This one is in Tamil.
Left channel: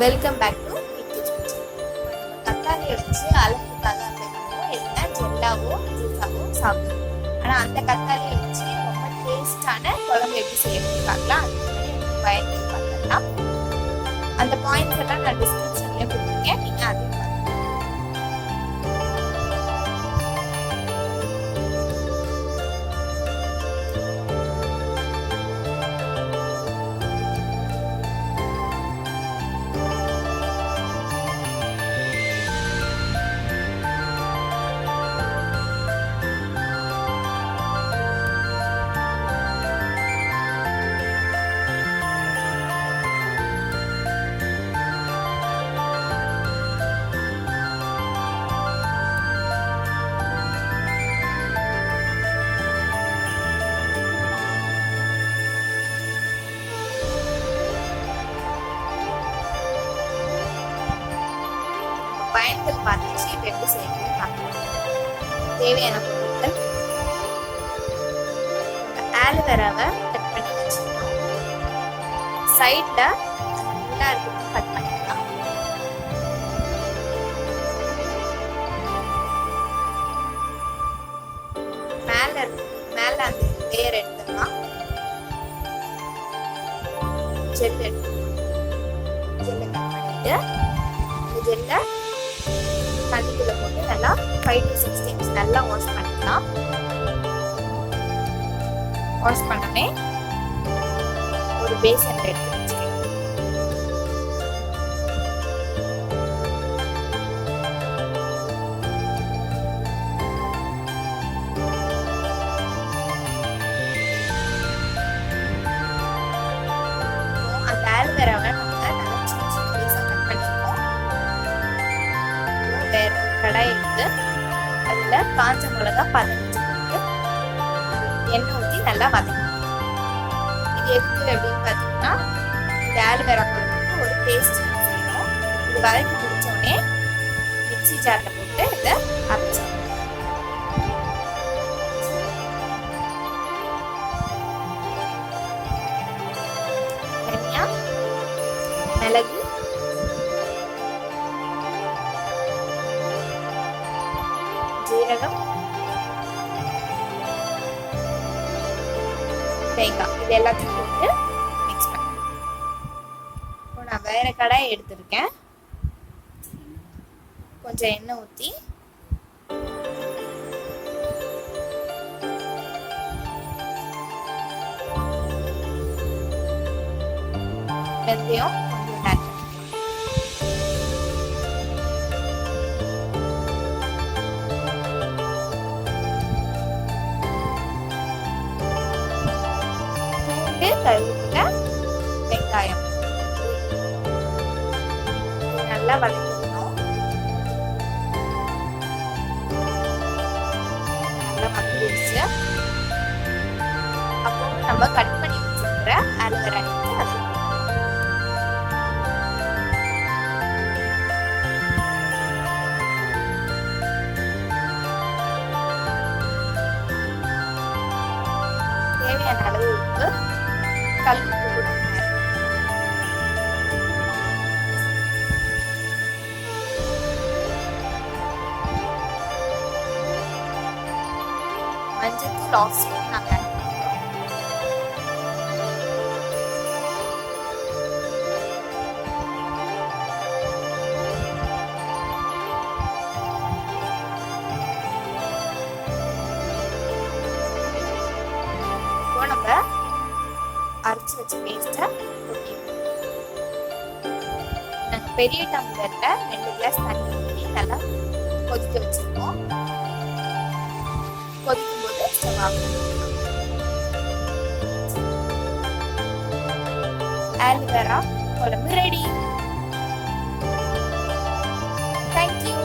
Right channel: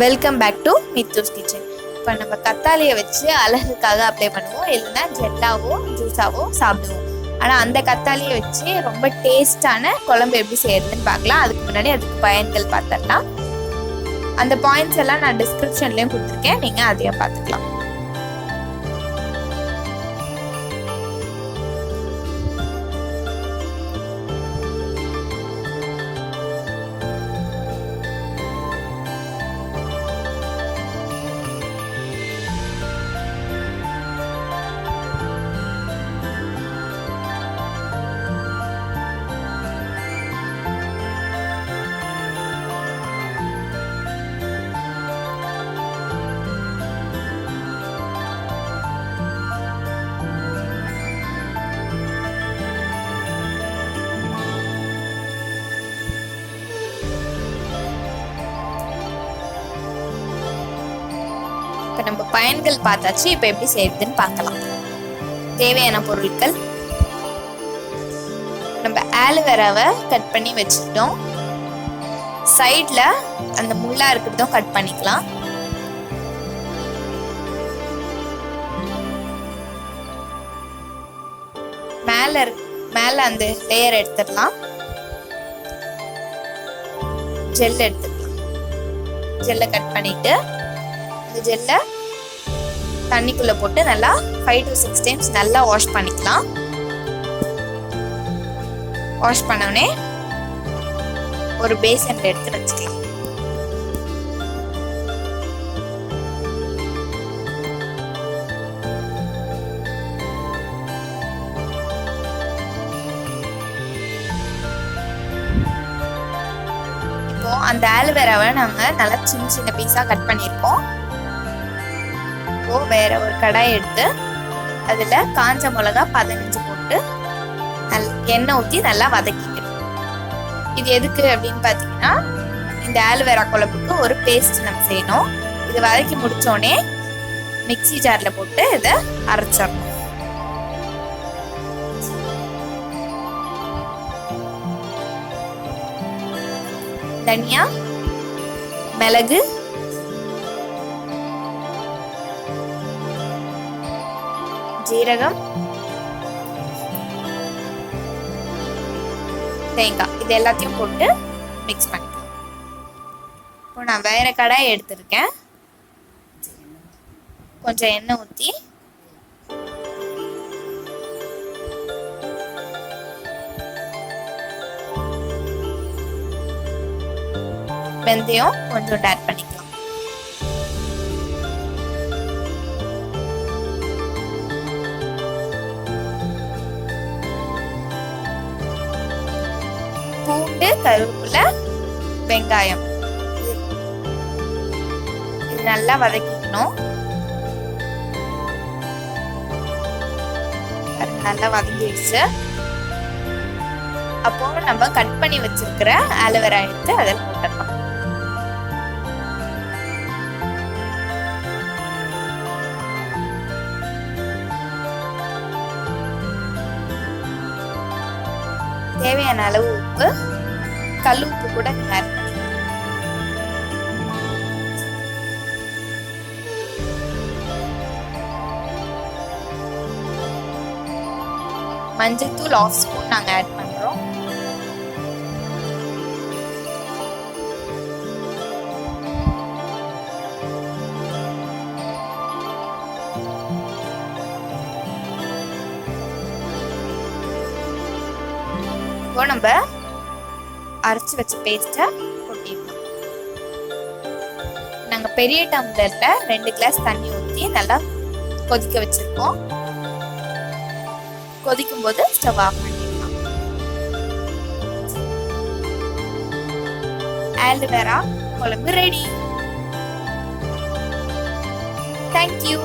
Welcome back to Mithu's kitchen. இப்போ நம்ம கத்தாழையை வச்சு அழகுக்காக அப்ளை பண்ணுவோம், இல்லைன்னா ஜெல்லாவோ ஜூஸாவோ சாப்பிடுவோம். ஆனால் அந்த கத்தாழையை வச்சு ரொம்ப டேஸ்டான குழம்பு எப்படி செய்யறதுன்னு பார்க்கலாம். அதுக்கு முன்னாடி அதுக்கு பயன்கள் பார்த்துடலாம். அந்த பாயிண்ட்ஸ் எல்லாம் நான் டிஸ்கிரிப்ஷன்லேயும் கொடுத்துருக்கேன், நீங்கள் அதையும் பார்த்துக்கலாம். நம்ம பயன்கள் பார்த்தாச்சு. இப்போ எப்படி செய்யறதுன்னு பார்க்கலாம். தேவையான பொருட்கள்: நம்ம ஆலோவேராவை கட் பண்ணி வச்சுக்கிட்டோம். சைட்ல அந்த முள்ளா இருக்கிறதும் கட் பண்ணிக்கலாம். மேல அந்த லேயர் எடுத்துடலாம். ஜெல் எடுத்துக்கலாம். ஜெல்லை கட் பண்ணிட்டு இந்த ஜெல்லை தண்ணிக்குள்ள போட்டு நல்லா 5 to 6 டைம்ஸ் நல்லா வாஷ் பண்ணிக்கலாம். வாஷ் பண்ணோடனே ஒரு பேசன்ல எடுத்து வச்சுக்கலாம். இப்போ அந்த ஆலோவேராவை நாங்க நல்லா சின்ன சின்ன பீஸா கட் பண்ணியிருக்கோம். வேற ஒரு கடாயை எடுத்து அதுல காஞ்ச மிளகா 15 போட்டு எண்ணெய் ஊற்றி நல்லா வதக்கிக்கணும். இது எதுக்கு அப்படின்னு பாத்தீங்கன்னா, இந்த ஆலோவேரா குழம்புக்கு ஒரு பேஸ்ட் நம்ம செய்யணும். இது வதக்கி முடிச்சோடனே மிக்ஸி ஜார்ல போட்டு இதை அரைச்சிடணும். தனியா, மிளகு, ஜீரகம், தேங்காய், இது எல்லாத்தையும் போட்டு மிக்ஸ் பண்ணிக்கலாம். இப்போ நான் வேற கடாயை எடுத்திருக்கேன். கொஞ்சம் எண்ணெய் ஊற்றி வெந்தயம் கொஞ்சம் ஆட் பண்ணிக்கலாம். பூண்டு, கருவேப்பிலை, வெங்காயம் இது நல்லா வதக்கிக்கணும். நல்லா வதங்கிடுச்சு. அப்போ நம்ம கட் பண்ணி வச்சிருக்கிற ஆலோவேரா எடுத்து அதில் போட்டுடலாம். தேவையான அளவு உப்பு, கல் உப்பு கூட ஆட் பண்ணிக்கலாம். மஞ்சள் தூள் 1/2 ஸ்பூன் நாங்க ஆட் பண்றோம். இப்போ நம்ம அரைச்சி வச்ச பேஸ்ட்டை கொட்டிடலாம். நாங்கள் பெரிய டம்ளர்ல 2 கிளாஸ் தண்ணி ஊற்றி நல்லா கொதிக்க வச்சிருக்கோம். கொதிக்கும் போது ஸ்டவ் ஆஃப் பண்ணிடலாம். ஆலோவேரா குழம்பு ரெடி. தேங்க்யூ.